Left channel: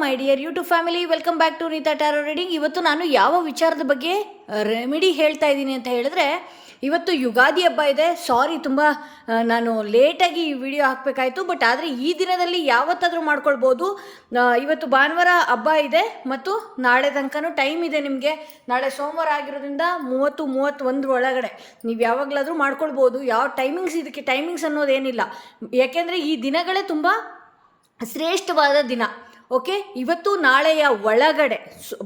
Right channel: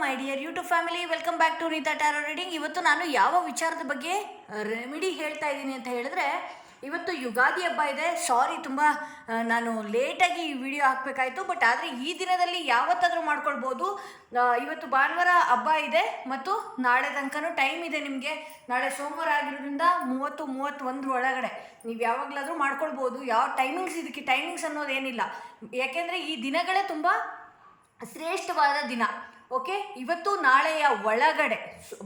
My dear YouTube family, welcome back to Rita tarot reading. ಇವತ್ತು ನಾನು ಯಾವ ವಿಚಾರದ ಬಗ್ಗೆ ರೆಮಿಡಿ ಹೇಳ್ತಾ ಇದ್ದೀನಿ ಅಂತ ಹೇಳಿದ್ರೆ, ಇವತ್ತು ಯುಗಾದಿ ಹಬ್ಬ ಇದೆ. ಸಾರಿ, ತುಂಬ ನಾನು ಲೇಟಾಗಿ ಈ ವಿಡಿಯೋ ಹಾಕಬೇಕಾಯಿತು. ಬಟ್ ಆದರೆ ಈ ದಿನದಲ್ಲಿ ಯಾವತ್ತಾದರೂ ಮಾಡ್ಕೊಳ್ಬೋದು. ಇವತ್ತು ಭಾನುವಾರ ಹಬ್ಬ ಇದೆ ಮತ್ತು ನಾಳೆ ತನಕನೂ ಟೈಮ್ ಇದೆ ನಿಮಗೆ. ನಾಳೆ ಸೋಮವಾರ ಆಗಿರೋದ್ರಿಂದ 30-31 ಒಳಗಡೆ ನೀವು ಯಾವಾಗಲಾದರೂ ಮಾಡ್ಕೊಳ್ಬೋದು. ಯಾವ ಟೈಮಿಂಗ್ಸ್, ಇದಕ್ಕೆ ಟೈಮಿಂಗ್ಸ್ ಅನ್ನೋದೇನಿಲ್ಲ. ಯಾಕೆಂದರೆ ಈ ದಿನಗಳೇ ತುಂಬ ಶ್ರೇಷ್ಠವಾದ ದಿನ. ಓಕೆ, ಇವತ್ತು ನಾಳೆಯ ಒಳಗಡೆ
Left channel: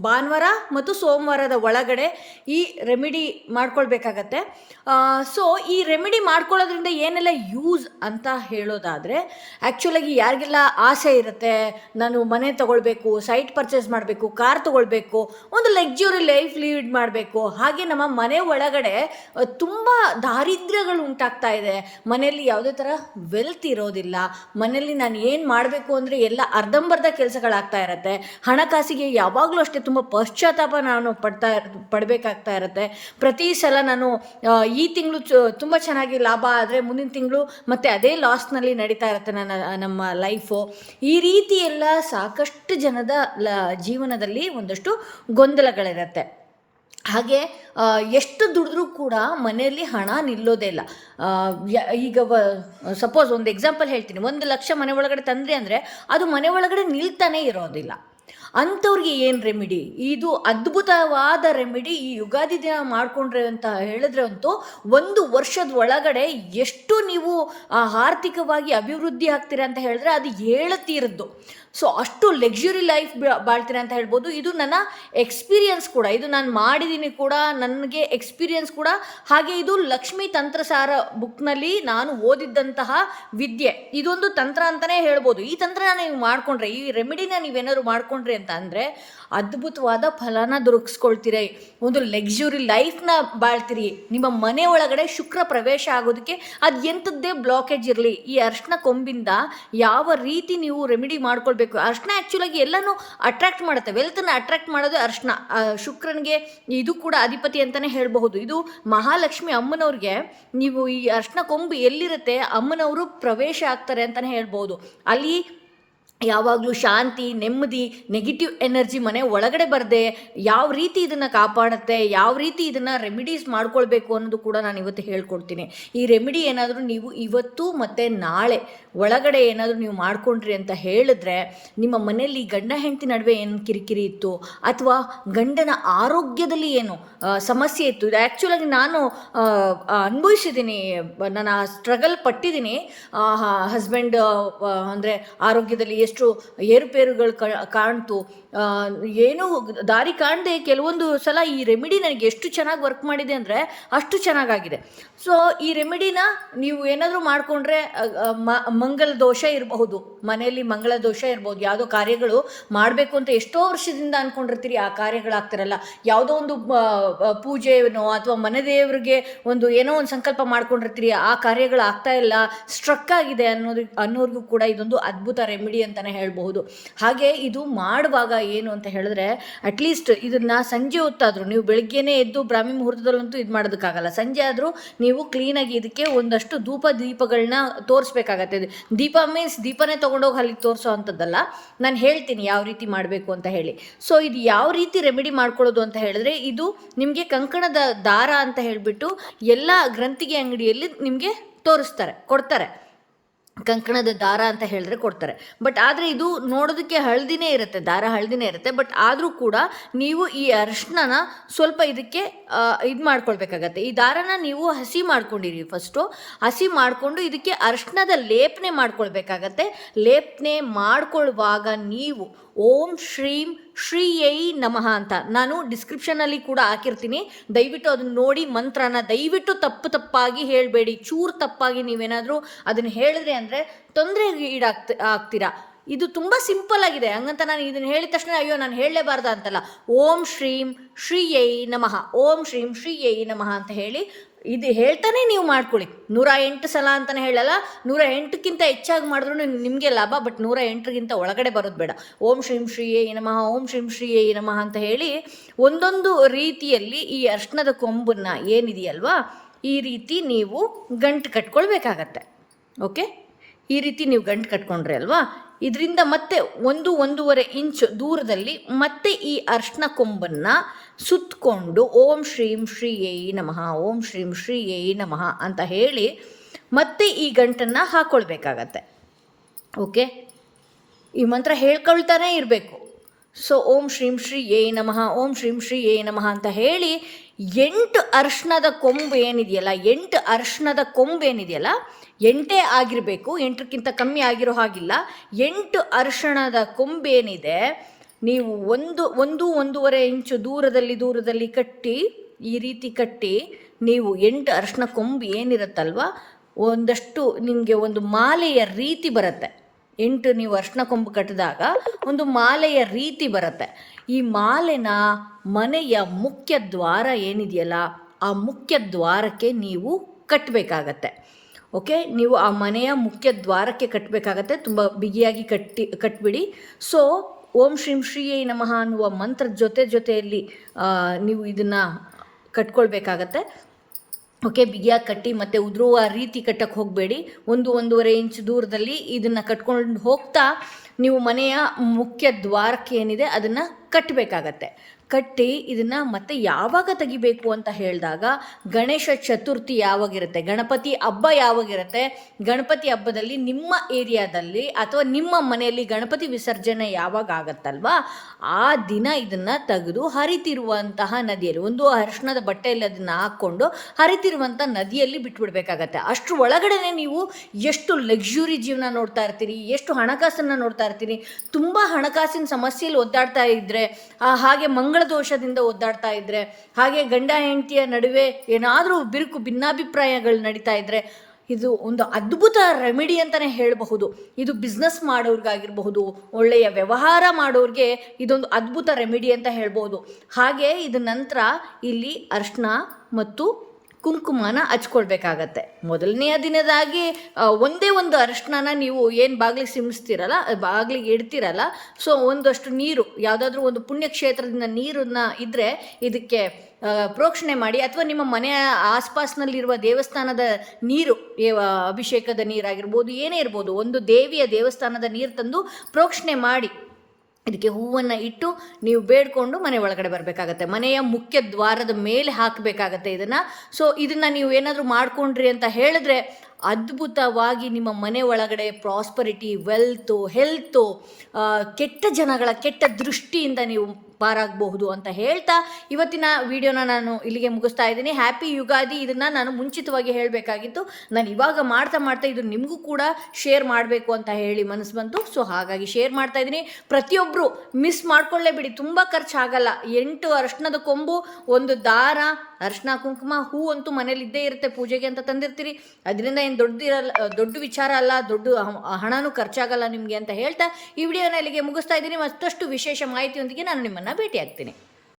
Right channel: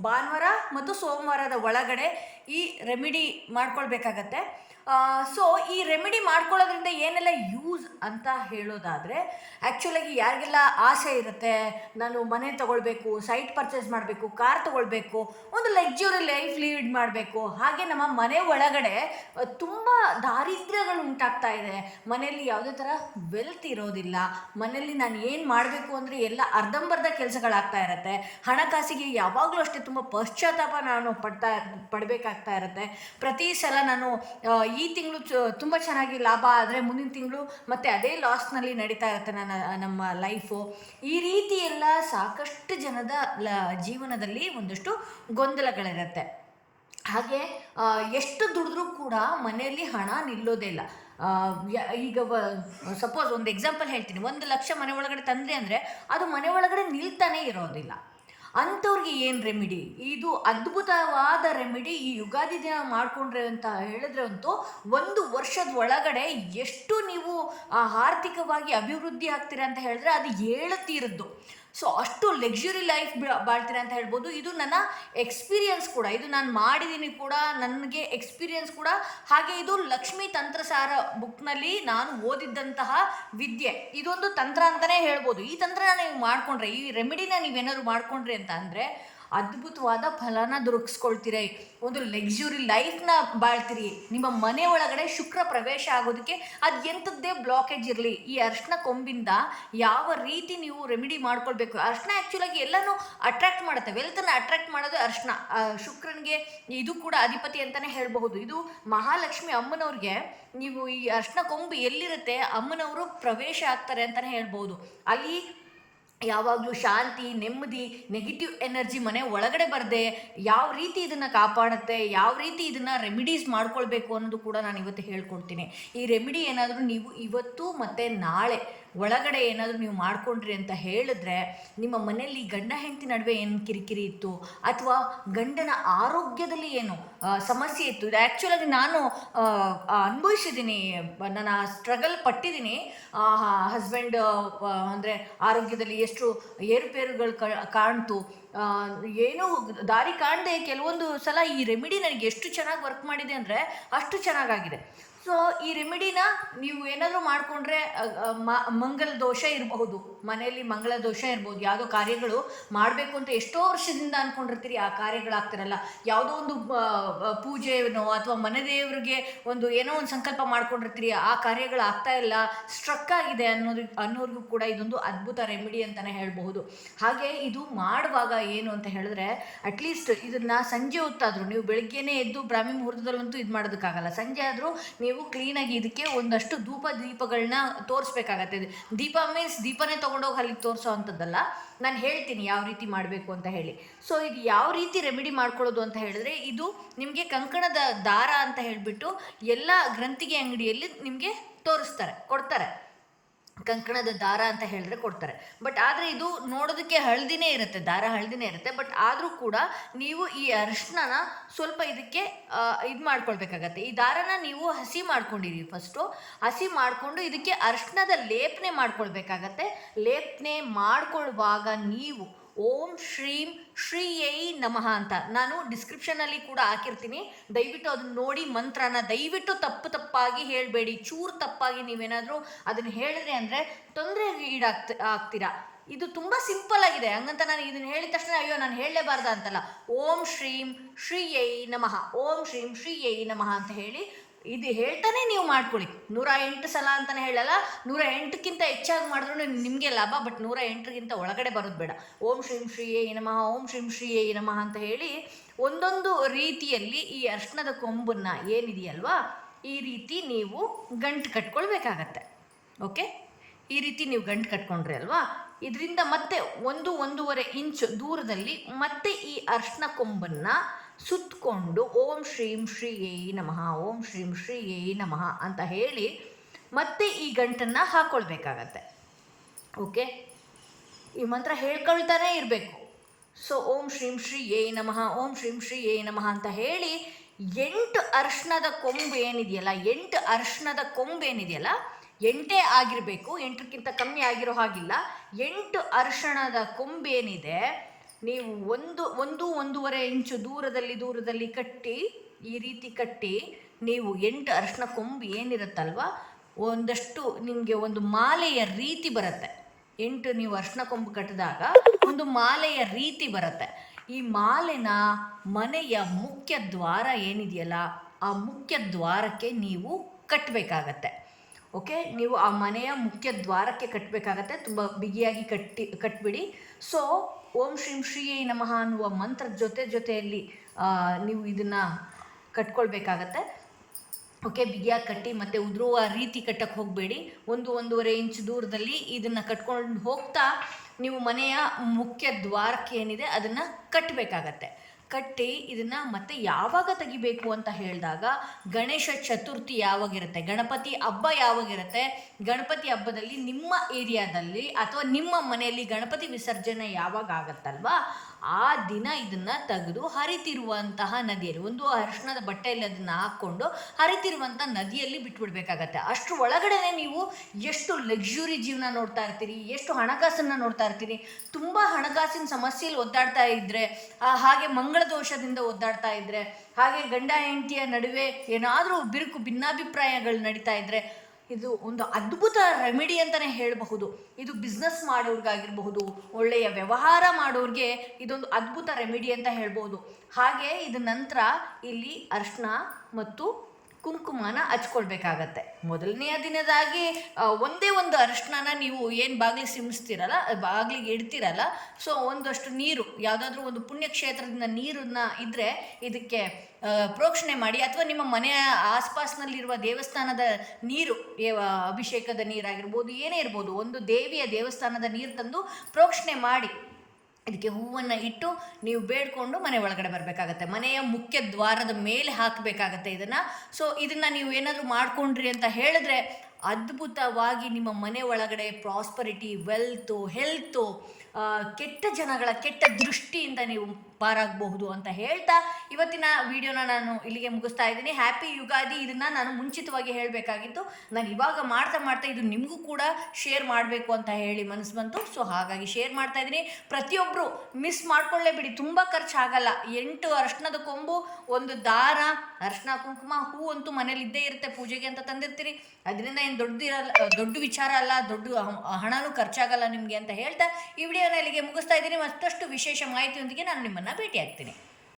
ಭಾನುವಾರ ಮತ್ತು ಸೋಮವಾರದ ಒಳಗಡೆ ಈ ರೆಮಿಡಿ ಮಾಡ್ಕೊಳ್ಬೇಕಾಗತ್ತೆ. ಸೊ ಈ ರೆಮಿಡಿ ಮಾಡ್ಕೊಳ್ಳೋದ್ರಿಂದ ಏನೆಲ್ಲ ಯೂಸ್ ಅಂತ ಹೇಳೋದಾದರೆ, ಆ್ಯಕ್ಚುಲಾಗಿ ಯಾರಿಗೆಲ್ಲ ಆಸೆ ಇರುತ್ತೆ, ನಾನು ಮನೆ ತೊಗೊಳ್ಬೇಕು, ಸೈಟ್ ಪರ್ಚೇಸ್ ಮಾಡಬೇಕು, ಕಾರ್ ತೊಗೊಳ್ಬೇಕು, ಒಂದು ಲಕ್ಸುರಿ ಲೈಫ್ ಲೀಡ್ ಮಾಡಬೇಕು, ಹಾಗೆ ನಮ್ಮ ಮನೆ ಒಳಗಡೆ ತುಂಬ ದಾರಿದ್ರ್ಯಗಳು ಉಂಟಾಗ್ತಾ ಇದೆ, ಮನೆಯಲ್ಲಿ ಯಾವುದೇ ಥರ ವೆಲ್ತ್ ಇರೋದಿಲ್ಲ, ಮನೆಯಲ್ಲಿ ನಾನು ಏನು ಮಾಡಬೇಕು ಅಂದರೆ ಎಲ್ಲ ಅರ್ಧಂಬರ್ಧ ಕೆಲಸಗಳಾಗ್ತಾ ಇರುತ್ತೆ, ಹಣಕಾಸಿಗೆ ಯಾವಾಗಲೂ ಅಷ್ಟೇ ತುಂಬ ಪಶ್ಚಾತ್ತಾಪ ನಾನು ಪಡಬೇಕಾಗ್ತಾ ಇರುತ್ತೆ. ಪ್ರತಿ ಸಲ ನಾನು ಈ ತಿಂಗಳು ತುಂಬ ಚೆನ್ನಾಗಿ ಲಾಭ ಆದರೆ ಮುಂದಿನ ತಿಂಗಳು ಮತ್ತೆ ಅದೇ ಲಾಸ್ನಲ್ಲಿ ನಡೀತಾ ಇರುತ್ತೆ ನಮ್ಮ ಲೈಫು. ಈ ರೀತಿ ಎಲ್ಲ ಸಾಕಷ್ಟು ಜನದ ಜೀವನದಲ್ಲಿ ಒಂದಷ್ಟು ಗೊಂದಲಗಳಿರುತ್ತೆ. ಹಾಗೆ ಎಷ್ಟು ದುಡಿದ್ರೂ ಕೂಡ ಮನೆಯಲ್ಲಿ ಹಣ ನಿಲ್ಲೋದೇ ಇಲ್ಲ. ಈಗ ಸಪೋಸ್ ಒಂದು ಎಕ್ಸಾಂಪಲ್ ಹೇಳ್ತೀನಿ, 1 ಲಕ್ಷ ಮನೆ ಒಳಗಡೆ ತಂದ್ರಿ ಅಂದರೆ ಅದು ಮನೆ ಒಳಗಡೆ ನಿಲ್ತಾನೇ ಇರೋದಿಲ್ಲ. ಅಂಥವ್ರಿಗೆ ಏನು ರೆಮಿಡಿ? ಇದು ಅದ್ಭುತವಾದ ರೆಮಿಡಿ. ಈ ಯುಗಾದಿ ದಿನ ಮಾಡಿಕೊಂಡ್ರೆ ಅಂತ ಹೇಳಿದ್ರೆ ಅಂತೂ 1 ವರ್ಷದ ಒಳಗಡೆ ಎಷ್ಟು ನೀವು ಆರ್ಥಿಕವಾಗಿ ಅಭಿವೃದ್ಧಿ ಆಗ್ತೀರ ಅಂತ ಹೇಳಿದ್ರೆ ಅದು ಹೇಳತೀರದ್ದು. ಸೊ ಅಷ್ಟು ಲಕ್ಸುರಿ ಲೈಫ್ ಬಾಳ್ತೀರ ಅಂತ ಹೇಳ್ಬೋದು. ಇದು ನನ್ನ ಎಕ್ಸ್ಪೀರಿಯನ್ಸ್ ಕೂಡ, ಇದು ನಾನು ಮಾಡಿದ್ದೀನಿ ಕೂಡ, ನನಗೆ ಎಕ್ಸ್ಪೀರಿಯನ್ಸ್ ಕೂಡ. ಹಾಗೆ ಇದು ಲಕ್ಷ್ಮೀ ತಂತ್ರಸಾರ ಬುಕ್ನಲ್ಲಿ ನಾನು ಓದಿದ್ದಂತಹ ವಿದ್ಯೆ. ಇದೊಂದು ತಂತ್ರ ಅಂತಲೇ ಹೇಳ್ಬೋದು. ಈ ತಂತ್ರನ ನೀವು ಮಾಡಿಕೊಂಡ್ರೆ, ಈ ರೆಮಿಡಿನ ನೀವೇನಾದ್ರು ಮಾಡಿಕೊಂಡ್ರಿ ಅಂತ ಅಂದರೆ ಅದ್ಭುತವಾದ ಫಲನ ದೊರಕಿಸ್ಕೊಳ್ತೀರಿ, ಒಂದು ಲಕ್ಸುರಿ ಲೈಫ್ನ ಬಾಳ್ತೀರಿ. ನಿಮ್ಮ ಮನೆ ಒಳಗಡೆ ಶುಕ್ರ ಪ್ರವೇಶ ಆಗೋದಕ್ಕೆ ಅದು ಎಂಥದ್ದೇ ಬ್ಲಾಕೇಜ್ ಇರಲಿ, ಈ ಅರಿಶಿನ ಕೊಂಬಿಂದ ಯಾವ ರೀತಿ ನೀವು ರೆಮಿಡಿ ಮಾಡ್ಕೊಳ್ಬೇಕು. ಅರಿಶಿನ ಆ್ಯಕ್ಚುಲಾಗಿ ಎಲ್ಲನೂ ಅಟ್ರ್ಯಾಕ್ಟ್ ಮಾಡುತ್ತೆ, ವೆಲ್ತನ್ನು ಅಟ್ರ್ಯಾಕ್ಟ್ ಮಾಡೋದು ಅರಿಶಿನ. ಶುಕ್ರನಿಗೆ ಇದು ಕೂಡ ಅಧಿಪತಿ ಅಂತಲೇ ಹೇಳಬಹುದು. ಇದು ಮಹಾಲಕ್ಷ್ಮಿ ಅಮ್ಮನವ್ರಿಗೆ ನೀವು ಈ ಅರಿಶಿನ ಕೊಂಬು ಎಲ್ಲಿರುತ್ತೆ ಅಮ್ಮನವರು ಪ್ರವೇಶ ಆಗ್ತಾರೆ ಅಂತಲೇ ಹೇಳ್ಬೋದು. ಅಲ್ಲಿ ಯಾವಾಗಲೂ ಶಾಂತಿ, ನೆಮ್ಮದಿ, ನೆಗೆಟಿವ್ ಎನರ್ಜಿ ಮನೆ ಒಳಗಡೆ ಬರದೆ ಯಾವ ರೀತಿ ಇದನ್ನು ಕಾಪಾಡುತ್ತೆ, ಯಾವ ರೀತಿ ಇದನ್ನು ರೆಮಿಡೀಸ್ ಮಾಡ್ಕೊಳ್ಬೇಕು ಅನ್ನೋದು ಕೂಡ ನಾನು ಇವತ್ತು ಹೇಳ್ಕೊಡ್ತೀನಿ. ಈ ರೆಮಿಡಿ ಏನಾದರೂ ನೀವು ಇವತ್ತು ಮತ್ತು ನಾಳೆ ಒಳಗಡೆ ಏನಾದರೂ ನೀವು ಮಾಡಿಕೊಂಡ್ರಿ ಅಂತ ಹೇಳಿದ್ರೆ, ನಿಮ್ಮ ಮನೆಯಲ್ಲಿ ಗಂಡ ಹೆಂಡತಿ ನಡುವೆ ಏನು ಕಿರಿಕಿರಿ ಇತ್ತು ಅಥವಾ ಗಂಡನ ಆರೋಗ್ಯದಲ್ಲಿ ಏನು ಸಮಸ್ಯೆ ಇತ್ತು, ಇದು ಆ್ಯಕ್ಚುಲಾಗಿ ನಾನು ಅನುಭವಿಸಿದ್ದೀನಿ, ನಾನು ಸ್ಟ್ರಗಲ್ ಪಟ್ಟಿದ್ದೀನಿ. ಹಸ್ಬೆಂಡ್ ಅಂದರೆ ಆರೋಗ್ಯದಲ್ಲಿ ಎಷ್ಟು ಏರುಪೇರುಗಳು ಕಾಣ್ತು, ಏನೂ ದಾರಿ ಕಾಣದೆ ಕೆಲವೊಂದು ಸಲ ಈ ರೆಮಿಡಿ ನನಗೆ ಎಷ್ಟು ಚೆನ್ನಾಗಿ ವರ್ಕ್ ಮಾಡಿದೆ ಅಂದರೆ ಅಷ್ಟು ಚೆನ್ನಾಗಾಗಿದೆ. ಸೊ ಈ ರೆಮಿಡಿನ ನೀವು ಏನಾದರೂ ಮಾಡಿಕೊಂಡ್ರೆ ಮಂಗಲ ದೋಷ ಇರಬಹುದು, ಮನೆಯಲ್ಲಿ ಮಂಗಳ ದೋಷ ಇರ್ಬೋದು, ಯಾವುದೋ ಕಾರ್ಯಗಳು ಮಾಡಬೇಕು ಅಂತ ಎಷ್ಟೋ ವರ್ಷದಿಂದ ಅಂದ್ಕೊಂಡಿರ್ತೀರಿ, ಆ ಕಾರ್ಯಗಳಾಗ್ತಿರಲ್ಲ. ಯಾವುದೋ ಒಂದು ಪೂಜೆನೋ ಅಥವಾ ಮನೆ ದೇವರಿಗೆ ಒಂದು ಏನೋ ಒಂದು ಸಂಕಲ್ಪ ಮಾಡ್ಕೊಂಡಿರ್ತೀರಿ, ಆ ಕಾರ್ಯಗಳು ಆಗ್ತಾ ಇಲ್ಲ, ಸ್ಟ್ರಕ್ ಆಗಿದೆ ಅನ್ನೋರಿಗೂ ಕೂಡ ಇದೊಂದು ಅದ್ಭುತ ರೆಮಿಡಿ ಅಂತಲೇ ಹೇಳ್ಬಹುದು. ಹಾಗೆ ಇದು ಮಾಡುವಾಗ ಏನು ಅಂತ ಹೇಳಿದ್ರೆ, ಅಟ್ಲೀಸ್ಟ್ ಇದನ್ನು ಸಂಜೆ ಹೊತ್ತಾದರೂ, ನೀವು ಬೆಳಗ್ಗೆನೇ ಎದ್ದು ಬ್ರಾಹ್ಮಿ ಮುಹೂರ್ತದಲ್ಲಂತೂ ಇದು ಮಾಡೋದಕ್ಕಾಗಲ್ಲ, ಸಂಜೆ ಆದರೂ ನೀವು ಕ್ಲೀನಾಗಿ ಇದಕ್ಕೆ ಒಂದಷ್ಟು ದೀಪಗಳನ್ನ ತೋರಿಸ್ಬೇಕಾಗತ್ತೆ. ದೀಪ ಮೀನ್ಸ್ ದೀಪನೇ ತೊಗೊಂಡೋಗಿ ಅಲ್ಲಿ ತೋರಿಸೋ ಅಂಥದ್ದಲ್ಲ, ನಾನು ಹೇಳ್ತೀನಿ ಯಾವ ರೀತಿ ಮಾಡಬೇಕು ಅಂತ ಹೇಳಿ. ಸೊ ಇದು ಯಾವ ರೀತಿ ರೆಮಿಡಿ ಮಾಡ್ಕೊಳ್ಳೋದು ಅಂತ ಹೇಳಿದ್ರೆ, ಇದು ನಿಮಗೆ ಕಂಕಣದ ದಾರ ಅಂತ ಹೇಳಿಬಿಟ್ಟು ಎಲ್ಲ ಗ್ರಂಥಿಗೆ ಅಂಗಡಿಯಲ್ಲಿ ನಿಮಗೆ ಕೊಡ್ತಾರೆ. ಕಂಕಣದ ದಾರ ಅಂತ ಹೇಳಿದ್ರೆ ಕೊಡ್ತಾರೆ. ಬಟ್ ಆದರೆ ಇದು ನೋಡೋದಕ್ಕೆ ಹಳದಿನೇ ಇರುತ್ತೆ, ದಾರ ಹಳದಿನೇ ಇರುತ್ತೆ. ಬಟ್ ಆದರೂ ಕೂಡ ನೀವು ಈ ಅರಿಶಿನ ಸ್ವಲ್ಪ ಇದಕ್ಕೆ ಇದು ಮಾಡ್ಕೊಳ್ಬೇಕಾಗತ್ತೆ. ಈ ದಾರನ ನೀವು ಹಸಿ ಮಾಡ್ಕೊಂಡಿರಿ, ಫಸ್ಟು ಹಸಿ ಮಾಡಿಕೊಂಡು ಇದಕ್ಕೆ ಅರಿಶಿನದ ಲೇಪನೆ ಮಾಡ್ಕೊಳ್ಬೇಕಾಗತ್ತೆ. ಲೇಪನೆ ಮಾಡ್ಕೊಳ್ಳುವಾಗ ನೀವು ಓಂ ಶ್ರೀಂ ಶ್ರೀಯೈ ನಮಃ ಅಂತ ನಾನು ಡಿಸ್ಕ್ರಿಪ್ಷನಲ್ಲಿ ಕೂಡ ಹಾಕಿರ್ತೀನಿ, ದಯವಿಟ್ಟು ಅದನ್ನು ನೋಡಿ. ಮಂತ್ರನ ದಯವಿಟ್ಟು ತಪ್ಪಾಗಿ ಹೇಳಬೇಡಿ. ಚೂರು ತಪ್ಪಾಗಿ ನೀವೇನಾದರೂ ಅದನ್ನು ಹೇಳಿದ್ರೆ ಅಂದರೆ ತೊಂದರೆಗೆ ಆಗ್ತೀರಾ. ಇದು ತುಂಬ ಸಿಂಪಲ್ ಆಗಿದೆ, ಹಂಗಂತ ನಾನು ಇದನ್ನು ಹೇಳಿದ ತಕ್ಷಣ ಅಯ್ಯೋ ನಾನು ಹೇಳಲೇಬಾರ್ದು ಅಂತಲ್ಲ. ಓಂ ಶ್ರೀಂ ಶ್ರೀಯೈ ನಮಃ, ಓಂ ಶ್ರೀಂ ಶ್ರೀಯೈ ನಮಃ ಅಂತ ಹೇಳಿ ಇದು ಹೇಳ್ತಾನೆ ನೀವು ಮಾಡ್ಕೊಳ್ಳಿ. 108 ಸಲ ಅಂತಲೇ ಹೇಳಲ್ಲ, 108ಕ್ಕಿಂತ ಹೆಚ್ಚಾಗಿ ಮಾಡಿದ್ರು ನಿಮಗೆ ಲಾಭ. ಬಟ್ 108ಗಿಂತ ಒಳಗಡೆ ಬರೋದು ಬೇಡ. ಓಂ ಶ್ರೀಂ ಶ್ರೀಯೇ ನಮಃ, ಓಂ ಶ್ರೀಂ ಶ್ರೀಯೇ ನಮಃ ಅಂತ ಹೇಳಿ ಒಂದೊಂದು ರೀತಿಯಲ್ಲಿ ಈ ಅರಿಶಿನದ ಕೊಂಬನ್ನು ಏನಿದೆಯಲ್ವಾ, ಈ ರೀತಿ ನೀವು ಗಂಟು ಕಟ್ಕೊಳ್ಬೇಕಾಗತ್ತೆ. ಓಕೆ, ಈ ರೀತಿ ನೀವು ಗಂಟು ಕಟ್ಕೊಂಡ್ರೆ ಅಲ್ವಾ, ಇದರಿಂದ ಮತ್ತೆ 1-1.5 ಇಂಚ್ ದೂರದಲ್ಲಿ ಮತ್ತೆ ಈ ಅರ್ಶಿನ ಕೊಂಬನ್ನು ಸುತ್ತಕೊಂಡು ಓಂ ಶ್ರೀಂ ಶ್ರೀಯೇ ನಮಃ, ಓಂ ಶ್ರೀಂ ಶ್ರೀಯೇ ನಮಃ ಅಂತ ಹೇಳಿ ಮತ್ತೆ ಈ ಗಂಟನ್ನು ಹಾಕ್ಕೊಳ್ಬೇಕಾಗತ್ತೆ. ಓಕೆ, ಈ ಮಂತ್ರ ಹೇಳ್ಕೊಳ್ತಾನೇ ಇರಬೇಕು. ಸೊ ಓಂ ಶ್ರೀಂ ಶ್ರೀಯೇ ನಮಃ, ಓಂ ಶ್ರೀಂ ಶ್ರೀಯೇ ನಮಃ ಅಂತ ಹೇಳಿ 8 ಅರ್ಶಿನದ ಕೊಂಬು ಏನಿದೆಯಲ್ಲ, 8 ಅರ್ಶಿನದ ಕೊಂಬು ಏನಿದೆಯಲ್ಲ, 8 ಆಗಿರಬೇಕು, 8ಕ್ಕಿಂತ ಕಮ್ಮಿ ಆಗಿರೋ ಹಾಗಿಲ್ಲ. 8 ಅರ್ಶಿಣದ ಕೊಂಬೇನಿದೆ ನೀವು 1-1.5 ಇಂಚು ದೂರದಲ್ಲಿ ಕಟ್ಟಿ, ಈ ರೀತಿ ಕಟ್ಟಿ ನೀವು 8 ಅರ್ಶಿನ ಕೊಂಬು ಏನಿರುತ್ತಲ್ವ, ಒಂದಷ್ಟು ನಿಮಗೆ ಒಂದು ಮಾಲೆಯ ರೀತಿ ಬರುತ್ತೆ. 8 ನೀವು ಅರ್ಶಿನ ಕೊಂಬು ಕಟ್ಟಿದಾಗ ಒಂದು ಮಾಲೆಯ ರೀತಿ ಬರುತ್ತೆ. ಈ ಮಾಲೆನ ಮನೆಯ ಮುಖ್ಯ ದ್ವಾರ ಏನಿದೆಯಲ್ಲ, ಆ ಮುಖ್ಯ ದ್ವಾರಕ್ಕೆ ನೀವು ಕಟ್ಟಬೇಕಾಗತ್ತೆ. ಓಕೆ, ನೀವು ಆ ಮನೆಯ ಮುಖ್ಯ ದ್ವಾರಕ್ಕೆ ಕಟ್ಟಬೇಕಾಗತ್ತೆ. ತುಂಬ ಬಿಗಿಯಾಗಿ ಕಟ್ಬಿಡಿ. ಸೊ ಓಂ ಶ್ರೀಂ ಶ್ರೀಯೇ ನಮಃ ಅನ್ನುವ ಮಂತ್ರದ ಜೊತೆಯಲ್ಲಿ ನೀವು ಇದನ್ನು ಕಟ್ಕೊಳ್ಬೇಕಾಗತ್ತೆ. ಓಕೆ, ಬಿಗಿಯಾಗಿ ಕಟ್ಟಿ ಮತ್ತು ಉದುರುವ ರೀತಿ ಕಟ್ಟಕ್ಕೆ ಹೋಗಬೇಡಿ. 1-1.5 ಇಂಚ್ ದೂರದಲ್ಲಿ ಇದನ್ನು ಕಟ್ಕೊಂಡು ಹೋಗ್ತಾ ನೀವು ಮನೆಯ ಮುಖ್ಯ ದ್ವಾರಕ್ಕೆ ಏನಿದೆ ಅದನ್ನು ಕಟ್ಟಬೇಕಾಗತ್ತೆ. ಕಟ್ಟಿ ಇದನ್ನು ಮತ್ತೆ ಯಾವಾಗ ತೆಗಿಬೇಕು ಅಂತ ಹೇಳಿದಾಗ, ಗಣೇಶ ಚತುರ್ಥಿ ಯಾವಾಗಿರುತ್ತೆ, ಗಣಪತಿ ಹಬ್ಬ ಯಾವಾಗಿರುತ್ತೆ, ಗಣಪತಿ ಹಬ್ಬದಲ್ಲಿ ನಿಮ್ಮ ಏರಿಯಾದಲ್ಲಿ ಅಥವಾ ನಿಮ್ಮ ಮನೆಯಲ್ಲಿ ಗಣಪತಿ ವಿಸರ್ಜನೆ ಯಾವಾಗ ಆಗುತ್ತಲ್ವ, ಆ ದಿನ ಇದನ್ನು ತೆಗೆದು ಹರಿತಿರುವಂತಹ ನದಿಯಲ್ಲಿ, ಒಂದು ಅರಿಶಿಣದ ಬಟ್ಟೆಯಲ್ಲಿ ಅದನ್ನು ಹಾಕ್ಕೊಂಡು ಹರಿತಿರುವಂಥ ನದಿಯಲ್ಲಿ ಬಿಟ್ಬಿಡ್ಬೇಕಾಗತ್ತೆ. ಅಷ್ಟರ ಒಳಗಡೆ ನೀವು ಎಷ್ಟು ಲಕ್ಸುರಿ ಜೀವನ ನೋಡ್ತಾ ಇರ್ತೀರಿ, ಎಷ್ಟು ಹಣಕಾಸನ್ನು ನೋಡ್ತಾ ಇರ್ತೀರಿ. ತುಂಬ ಹಣಕಾಸಿನ ಸಮಸ್ಯೆಯಲ್ಲಿ ಒದ್ದಾಡ್ತಾ ಇದ್ದರೆ, ಹಾಗೆ ಮಂಗಳ ದೋಷದಿಂದ ಒದ್ದಾಡ್ತಾ ಇದ್ದರೆ, ಹಾಗೆ ಗಂಡ ಹೆಂಡತಿಯ ನಡುವೆ ಏನಾದರೂ ಭಿನ್ನಾಭಿಪ್ರಾಯಗಳು ನಡೀತಾ ಇದ್ದರೆ, ಇದು ಒಂದು ಅದ್ಭುತ ರೆಮಿಡಿ ಅಂತಲೇ ಹೇಳಬಹುದು. ಇದು ಬಿಸ್ನೆಸ್ ಮಾಡೋರಿಗಾಗಿರಬಹುದು, ಒಳ್ಳೆಯ ವ್ಯವಹಾರ ಮಾಡೋರಿಗೆ ಇದೊಂದು ಅದ್ಭುತ ರೆಮಿಡಿ ಅಂತ ಹೇಳ್ಬೋದು. ಹಾಗೆ ಇದು ನಂತರ ಇಲ್ಲಿ ಅರಿಶಿನ ಮತ್ತು ಕುಂಕುಮನ ಹಚ್ಕೊಳ್ಬೇಕಾಗತ್ತೆ. ಮೊದಲನೆಯ ದಿನದಾಗಿ ಒಂದೇ ಒಂದು ಅರಿಶಿನ ನೀವು ಏನು ಬಾಗಿಲಿಗೆ ಸಿಮ್ಮಿಸ್ತೀರಲ್ಲ, ಬಾಗಿಲಿಗೆ ಇಡ್ತೀರಲ್ಲ, ಸೊ ಒಂದಷ್ಟು ನೀರು, ಯಾವುದಾದ್ರೂ ಒಂದು ಪುಣ್ಯಕ್ಷೇತ್ರದಿಂದ ನೀರನ್ನು ಇದ್ದರೆ ಇದಕ್ಕೆ ಪ್ರೋಕ್ಷಣೆ ಮಾಡಿ, ಅಥವಾ ನಿಮ್ಮ ಮನೆಯ ಆಸ್ಪಾಸ್ನಲ್ಲಿರುವ ದೇವಸ್ಥಾನದ ನೀರು, ಅಭಿಷೇಕದ ನೀರಾಗಿರ್ಬೋದು, ಏನೇ ಇರ್ಬೋದು, ಒಂದು ದೇವಿಯ ದೇವಸ್ಥಾನದ ನೀರು ತಂದು ಪ್ರೋಕ್ಷಣೆ ಮಾಡಿ ಇದಕ್ಕೆ ಹೂವನ್ನು ಇಟ್ಟು ನೀವು ಬೇಡಿಕೊಂಡು ಮನೆ ಒಳಗಡೆ ಬರಬೇಕಾಗತ್ತೆ. ಮನೆಯ ಮುಖ್ಯ ದ್ವಾರದ ಮೇಲೆ ಹಾಕಬೇಕಾಗತ್ತೆ ಇದನ್ನು. ಸೊ ಇದನ್ನು ನೀವು ಏನಾದರೂ ಮಾಡಿಕೊಂಡ್ರಿ ಅಂತ ಹೇಳಿದ್ರೆ ಅದ್ಭುತವಾಗಿ ನಿಮ್ಮ ಮನೆ ಒಳಗಡೆ ಪ್ರಾಸ್ಪರಿಟಿ, ವೆಲ್ತು, ಹೆಲ್ತು, ಕೆಟ್ಟ ಜನಗಳ ಕೆಟ್ಟ ದೃಷ್ಟಿಯಿಂದ ನೀವು ಪಾರಾಗಬಹುದು ಅಂತ ಹೇಳ್ತಾ ಇವತ್ತಿನ ವಿಡಿಯೋನ ನಾನು ಇಲ್ಲಿಗೆ ಮುಗಿಸ್ತಾ ಇದ್ದೀನಿ. ಹ್ಯಾಪಿ ಯುಗಾದಿ. ಇದನ್ನು ನಾನು ಮುಂಚಿತವಾಗಿ ಹೇಳಬೇಕಾಗಿತ್ತು, ನಾನು ಇವಾಗ ಮಾಡ್ತಾ ಇದು ನಿಮಗೂ ಕೂಡ ಶೇರ್ ಮಾಡಬೇಕು ಅಂತ ಹೇಳಿ ಮನಸ್ಸು ಬಂತು. ಸೊ ಹಾಗಾಗಿ ಶೇರ್ ಮಾಡ್ತಾ ಇದ್ದೀನಿ. ಪ್ರತಿಯೊಬ್ಬರು ಮಿಸ್ ಮಾಡ್ಕೊಳ್ಳೇಬಿಡಿ, ತುಂಬ ಖರ್ಚಾಗಲ್ಲ. 8 ಅರಿಶಿಣದ ಕೊಂಬು, ಒಂದು ದಾರ, ಅರಿಶಿನ ಕುಂಕುಮ, ಹೂ ಅಂತೂ ಮನೇಲಿ ಇದ್ದೇ ಇರುತ್ತೆ, ಪೂಜೆಗೆ ಅಂತ ತಂದಿರ್ತೀರಿ. ಅದರಿಂದ ಏನು ದೊಡ್ಡ ವಿಚಾರ ಅಲ್ಲ, ದೊಡ್ಡ ಹಣನೂ ಖರ್ಚಾಗಲ್ಲ ನಿಮಗೆ ಅಂತ ಹೇಳ್ತಾ ಈ ವಿಡಿಯೋನ ಇಲ್ಲಿಗೆ ಮುಗಿಸ್ತಾ ಇದ್ದೀನಿ. ಮತ್ತಷ್ಟು ವಿಶೇಷ ಮಾಹಿತಿಯೊಂದಿಗೆ ನಾನು ನಿಮ್ಮನ್ನು ಭೇಟಿ ಆಗ್ತೀನಿ.